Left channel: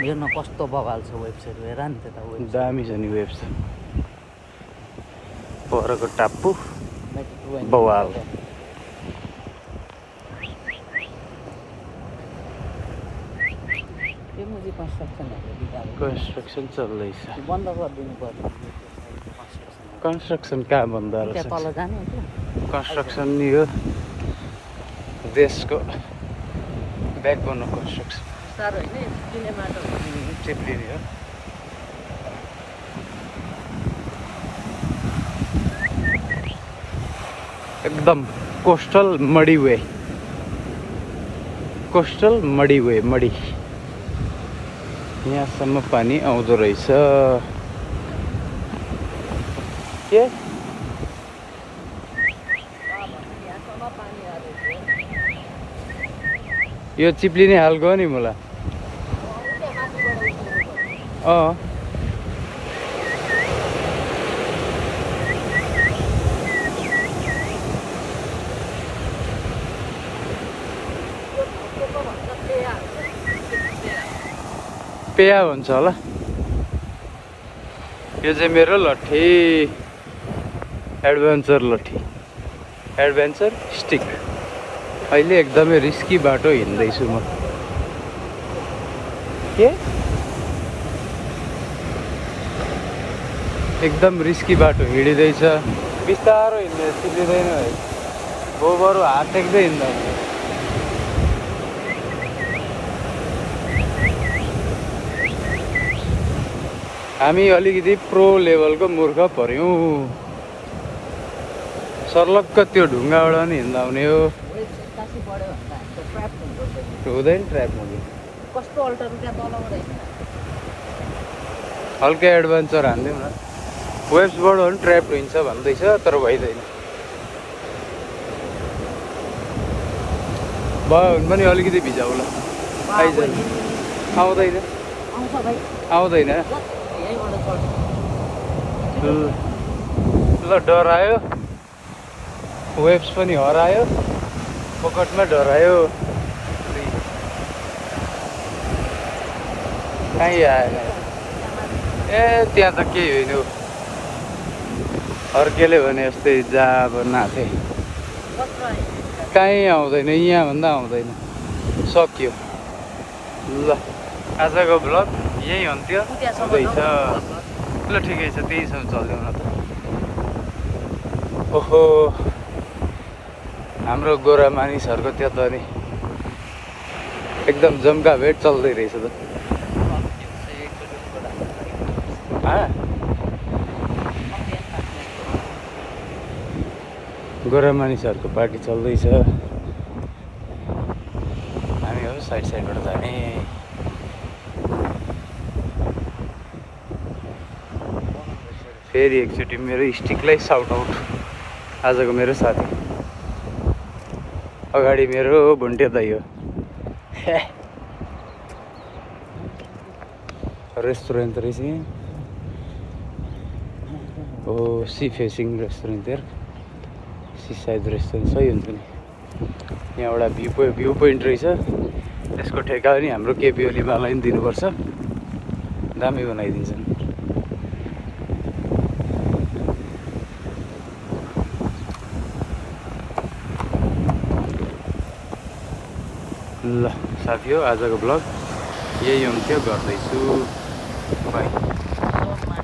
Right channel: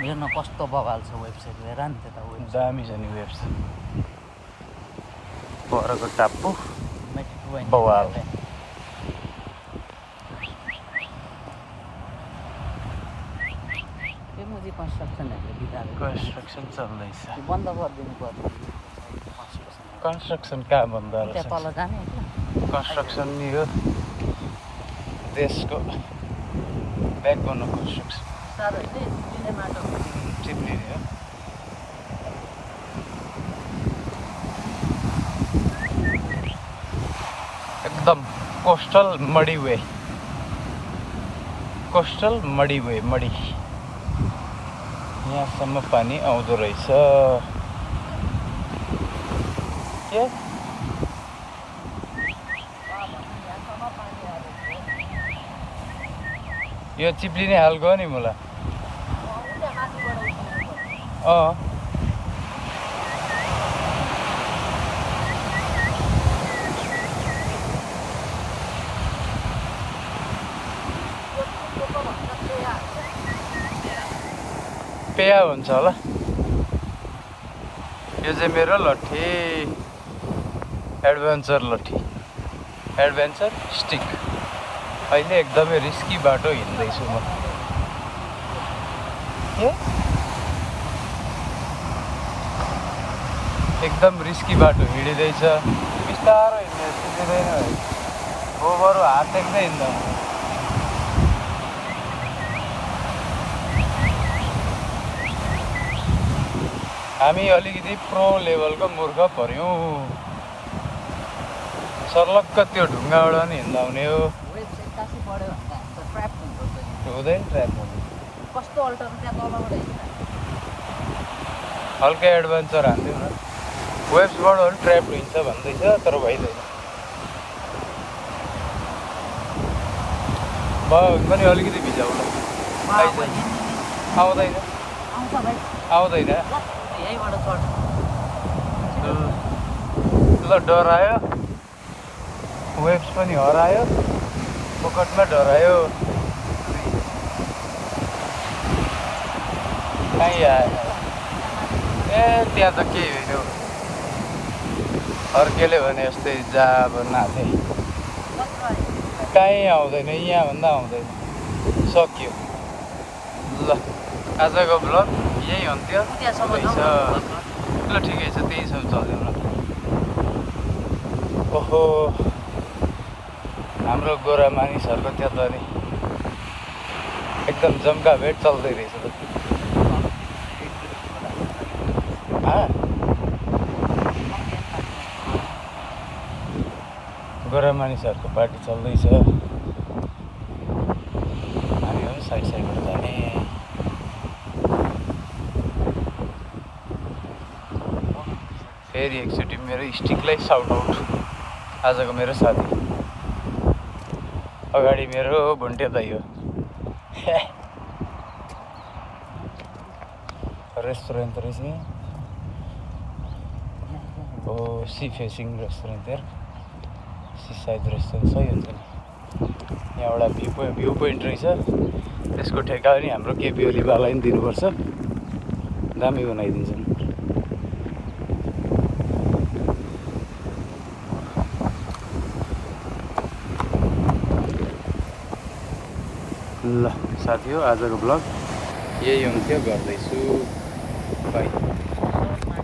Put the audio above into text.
हेर्न कस्तो बगाल छ वेबसाइट हेर नि त्यता वेबसाइट दामी छ नि वेबसाइट पोखराको टापु बवाल त्यो मुजी कन्स्ट्रक्सनहरू बिगारेको कन्स्ट्रक्सन चल्दैछ बन्द गरिदिनु पर्ने कन्स्ट्रक्सन कहाँ बन्द त्यहाँ तल जाने क्या कन्स्ट्रक्सन यो देशको ब्याकबोन कन्स्ट्रक्सन साह्रो होइन चिप्लिने माटो चिप्लिने हो एकदम कोस्टल मडी वे मडी यहाँसम्म पानी आउँदो रहेछ के यो चिप्लिने हालको हो नि मलाई पेया भन्छ होला यो चाहिँ मेरो लट्ठी एडभेन्चर स्टिक अहिले एकदमै रिस्की बाटो हिँड्दैछु म के एकदम रिस्की बाटो हिँडिँदैछ बिस्तारो हिँड्दै कुदिँदैन गोबरु हात देख्दै हिँड्दैन हामी अलिकति प्रो लेभलको मूर्ख पर्यौँ सर्लक्क त्यो ढुङ्गाबाट नि हिँड्दा हुने हो हुँदैन ट्र्याप हुने कस्तो अल्टा रुपियाँ तलबाटै हल्का एडभेन्चर हामी वेस्टबाट पनि ट्र्याप हिँड्छ भन्दैछ तर भइँदैन भयो पनि अलिकति भिजा होला आउँदैन आउँदैन यहीँबाट चढ्छ ल डरायो वेब्स पनि हरायो पकटमा डरायो कहीँ आएन ए त्यहाँ त केही होइन अर्केले भने जस्तै जाब नाथे कहीँ आउँदैन यहाँभन्दा आउँदैन सक्यो ल आजको ब्लग यही हुन्थ्यो हुँदैछ ल ठिकै छ त्यही छ चल्दैन ओहो हाम्रो गोरा मानिसहरूको त्यहाँ त नि एकदम जम्का भेट चल्दै रहेछ त गोरा मानिसहरूको पार्टी चल्दैछ साइड साइडबाट जाने फेरि एकचोटि मेरो स्टिकलाई साउट आउट आजको मेरो साथी अगाडि मेरो भुन्टे दाइ हो रेस्टुरेन्ट रहेछ हो सी फेसिङ रेस्टुरेन्ट हेर सी साइड रेस्टुरेन्ट सही हुन्छ नि यहाँबाट भ्यू पोइन्ट रहेछ त्यसको ठेक्का पनि हाम्रो केपी ओलीबालाई पनि दिनुपर्छ दामी बनाइदिन्छ ल साथी हो आजको ब्लग यही हुन्थ्यो गर्दैछु बाई